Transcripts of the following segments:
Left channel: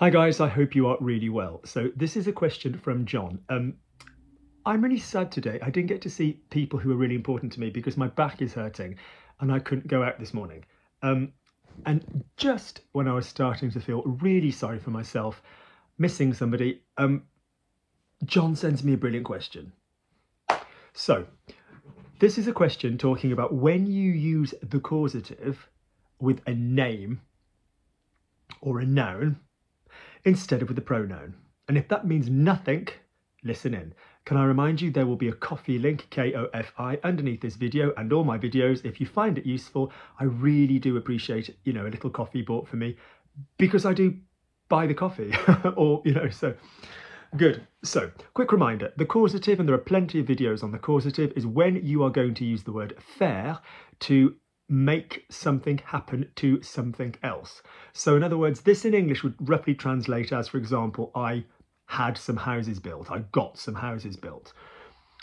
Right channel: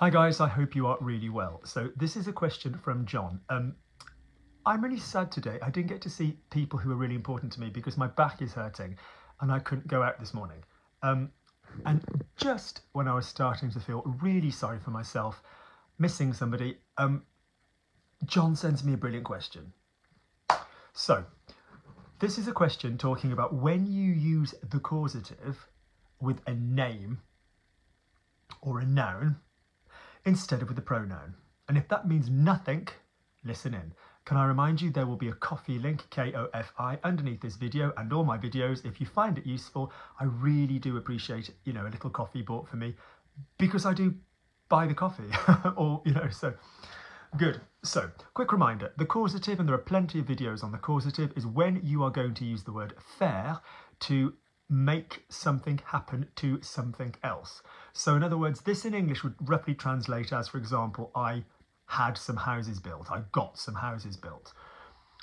Hi guys, I hope you are really well. So this is a question from John. I'm really sad today. I didn't get to see people who are really important to me because my back is hurting and I couldn't go out this morning. And just when I was starting to feel really sorry for myself, missing somebody, John sends me a brilliant question. So this is a question talking about when you use the causative with a name or a noun instead of with the pronoun. And if that means nothing, listen in. Can I remind you there will be a coffee link, K-O-F-I, underneath this video and all my videos. If you find it useful, I really do appreciate, a little coffee bought for me because I do buy the coffee or, so good. So quick reminder, the causative, and there are plenty of videos on the causative, is when you are going to use the word faire to make something happen to something else. So in other words, this in English would roughly translate as, for example, I had some houses built, I got some houses built.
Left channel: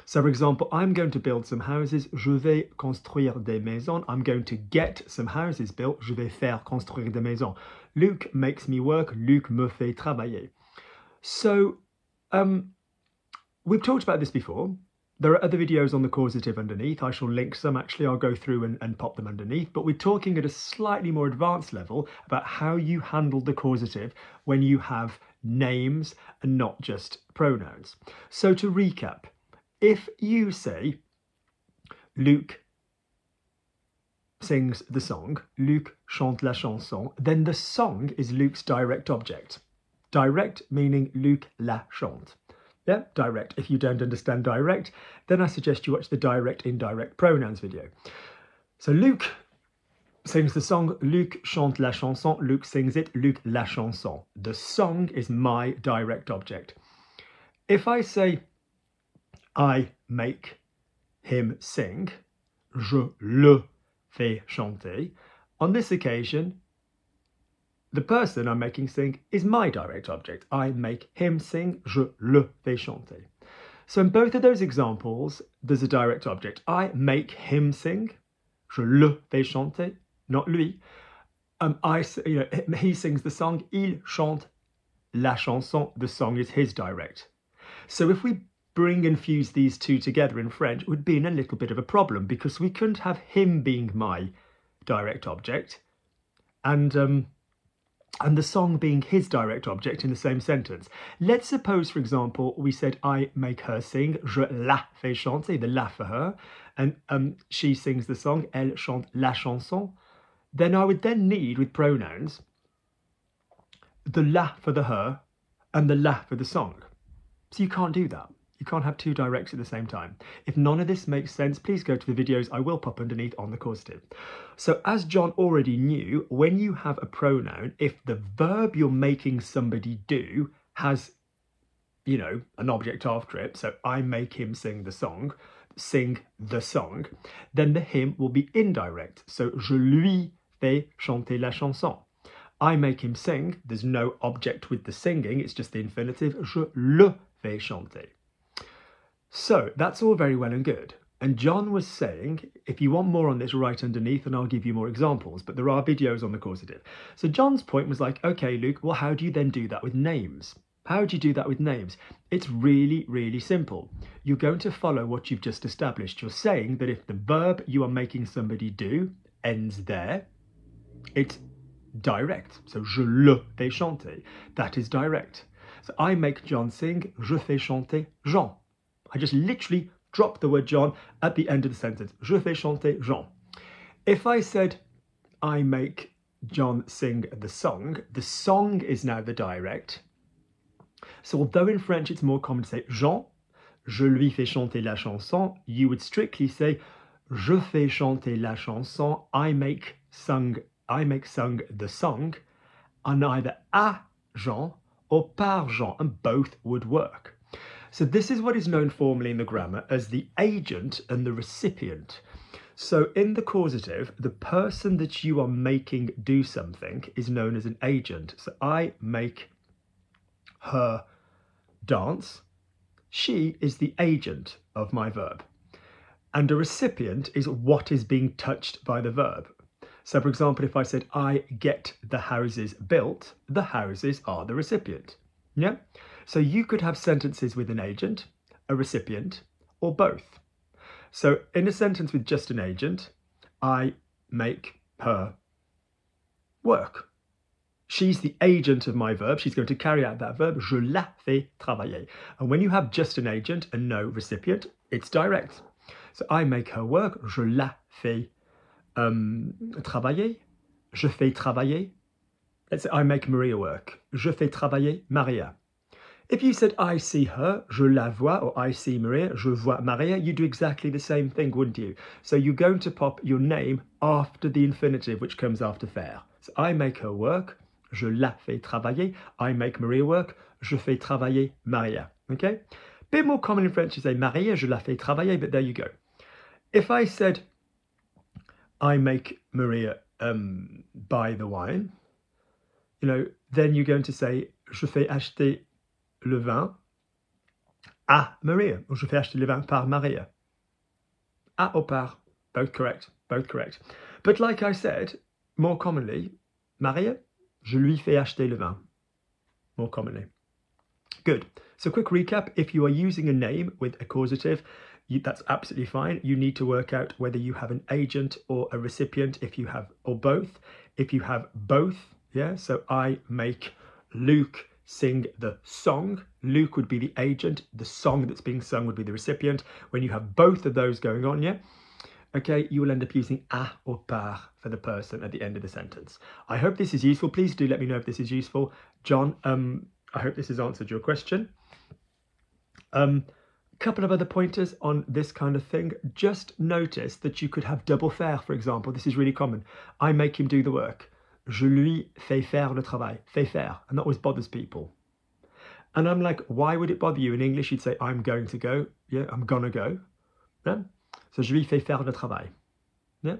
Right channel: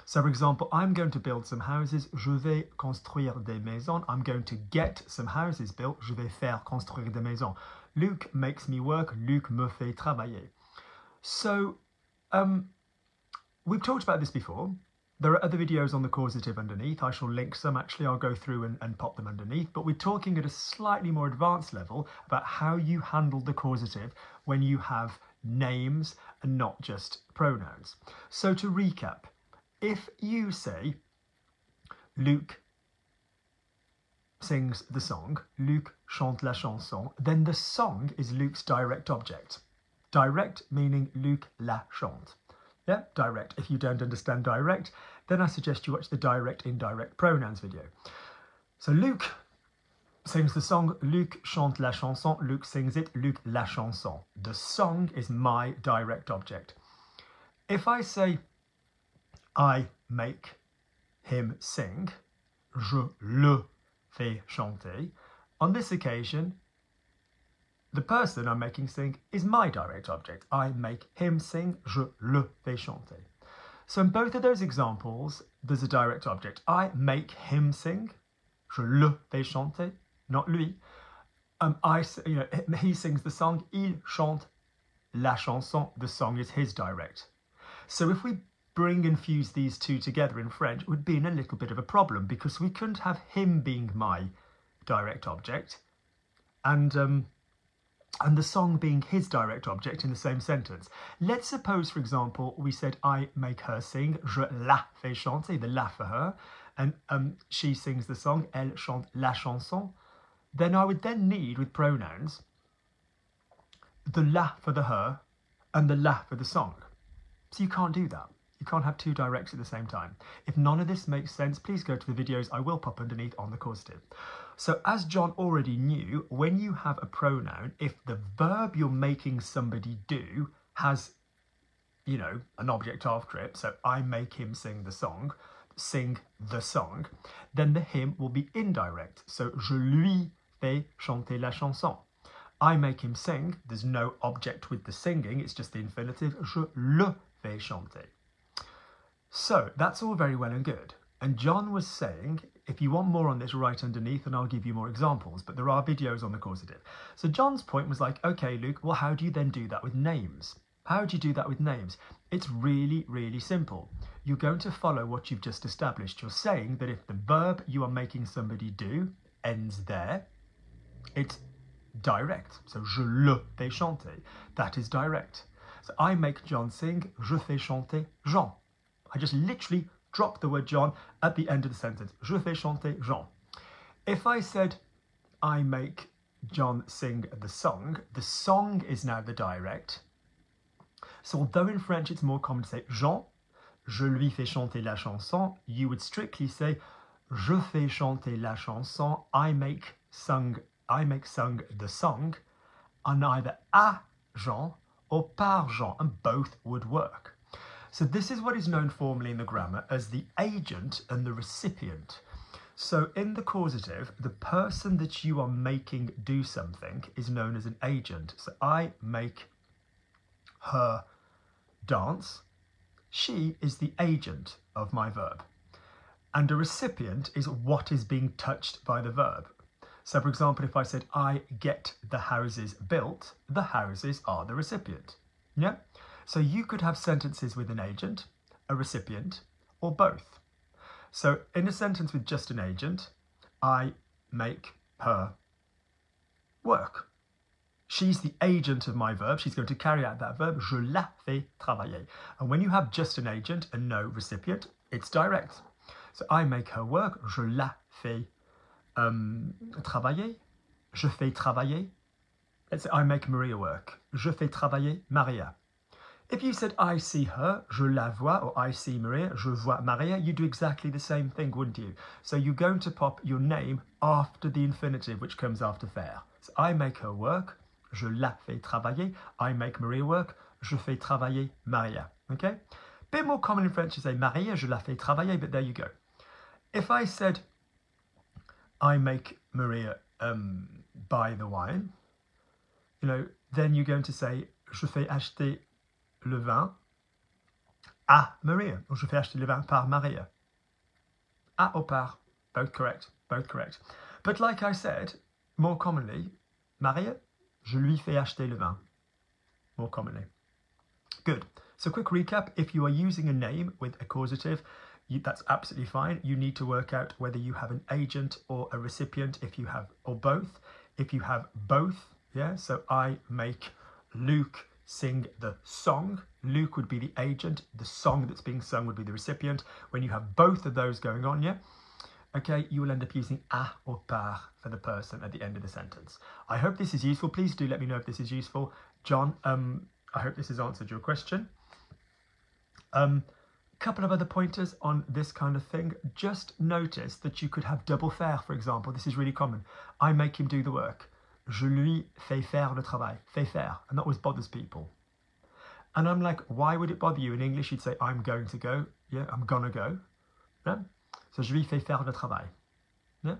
So for example, I'm going to build some houses, je vais construire des maisons. I'm going to get some houses built, je vais faire construire des maisons. Luc makes me work, Luc me fait travailler. So we've talked about this before. There are other videos on the causative underneath. I shall link some. Actually, I'll go through and pop them underneath. But we're talking at a slightly more advanced level about how you handle the causative when you have names and not just pronouns. So to recap, if you say Luc sings the song, Luc chante la chanson, then the song is Luc's direct object. Direct meaning Luc la chante. Yeah, direct. If you don't understand direct, then I suggest you watch the direct indirect pronouns video. So Luc sings the song, Luc chante la chanson, Luc sings it, Luc la chanson. The song is my direct object. If I say I make him sing, je le fais chanter, on this occasion, the person I'm making sing is my direct object. I make him sing, je le fais chanter. So in both of those examples, there's a direct object. I make him sing, je le fais chanter, not lui. He sings the song, il chante la chanson, the song is his direct. So if we bring and fuse these two together in French, it would be in a little bit of a problem because we couldn't have him being my direct object and the song being his direct object in the same sentence. Let's suppose, for example, we said I make her sing, je la fais chanter, the la for her, and she sings the song, elle chante la chanson. Then I would then need, with pronouns, the la for the her and the la for the song. So you can't do that. You can't have two directs at the same time. If none of this makes sense, please go to the videos I will pop underneath on the causative. So as John already knew, when you have a pronoun, if the verb you're making somebody do has, an object after it, so I make him sing the song, then the him will be indirect. So je lui fais chanter la chanson. I make him sing, there's no object with the singing, it's just the infinitive, je le fais chanter. So that's all very well and good. And John was saying, if you want more on this, right underneath, and I'll give you more examples, but there are videos on the causative. So John's point was like, okay, Luke, well, how do you then do that with names? How do you do that with names? It's really, really simple. You're going to follow what you've just established. You're saying that if the verb you are making somebody do ends there, it's direct. So je le fais chanter. That is direct. So I make John sing, je fais chanter Jean. I just literally drop the word John at the end of the sentence. Je fais chanter Jean. If I said I make John sing the song is now the direct. So although in French it's more common to say Jean, je lui fais chanter la chanson, you would strictly say je fais chanter la chanson, I make sung the song, on either à Jean or par Jean, and both would work. So this is what is known formally in the grammar as the agent and the recipient. So in the causative, the person that you are making do something is known as an agent. So I make her dance. She is the agent of my verb. And a recipient is what is being touched by the verb. So for example, if I said, I get the houses built, the houses are the recipient. Yeah? So you could have sentences with an agent, a recipient, or both. So in a sentence with just an agent, I make her work. She's the agent of my verb. She's going to carry out that verb. Je la fais travailler. And when you have just an agent and no recipient, it's direct. So I make her work. Je la fais travailler. Je fais travailler. Let's say I make Maria work. Je fais travailler Maria. If you said I see her, je la vois, or I see Maria, je vois Maria, you do exactly the same thing, wouldn't you? So you're going to pop your name after the infinitive, which comes after faire. So I make her work, je la fais travailler. I make Maria work, je fais travailler Maria. Okay? Bit more common in French to say Maria, je la fais travailler, but there you go. If I said I make Maria buy the wine, you know, then you're going to say je fais acheter le vin à Maria, or je fais acheter le vin par Maria. À or par, both correct, both correct. But like I said, more commonly, Maria, je lui fais acheter le vin, more commonly. Good. So quick recap, if you are using a name with a causative, that's absolutely fine. You need to work out whether you have an agent or a recipient, if you have, or both. If you have both, yeah, so I make Luke sing the song. Luke would be the agent. The song that's being sung would be the recipient. When you have both of those going on, yeah, okay, you will end up using à or par for the person at the end of the sentence. I hope this is useful. Please do let me know if this is useful. John, I hope this has answered your question. Couple of other pointers on this kind of thing. Just notice that you could have double faire, for example. This is really common. I make him do the work. Je lui fais faire le travail. Fais faire. And that always bothers people. And I'm like, why would it bother you? In English, you'd say, I'm going to go. Yeah, I'm gonna go. Yeah? So je lui fais faire le travail. Yeah?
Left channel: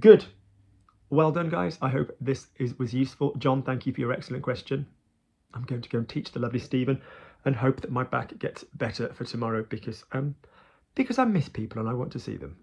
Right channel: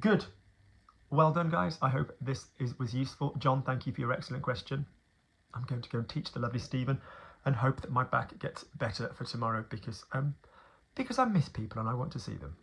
Good. Well done, guys. I hope this was useful. John, thank you for your excellent question. I'm going to go and teach the lovely Stephen and hope that my back gets better for tomorrow because I miss people and I want to see them.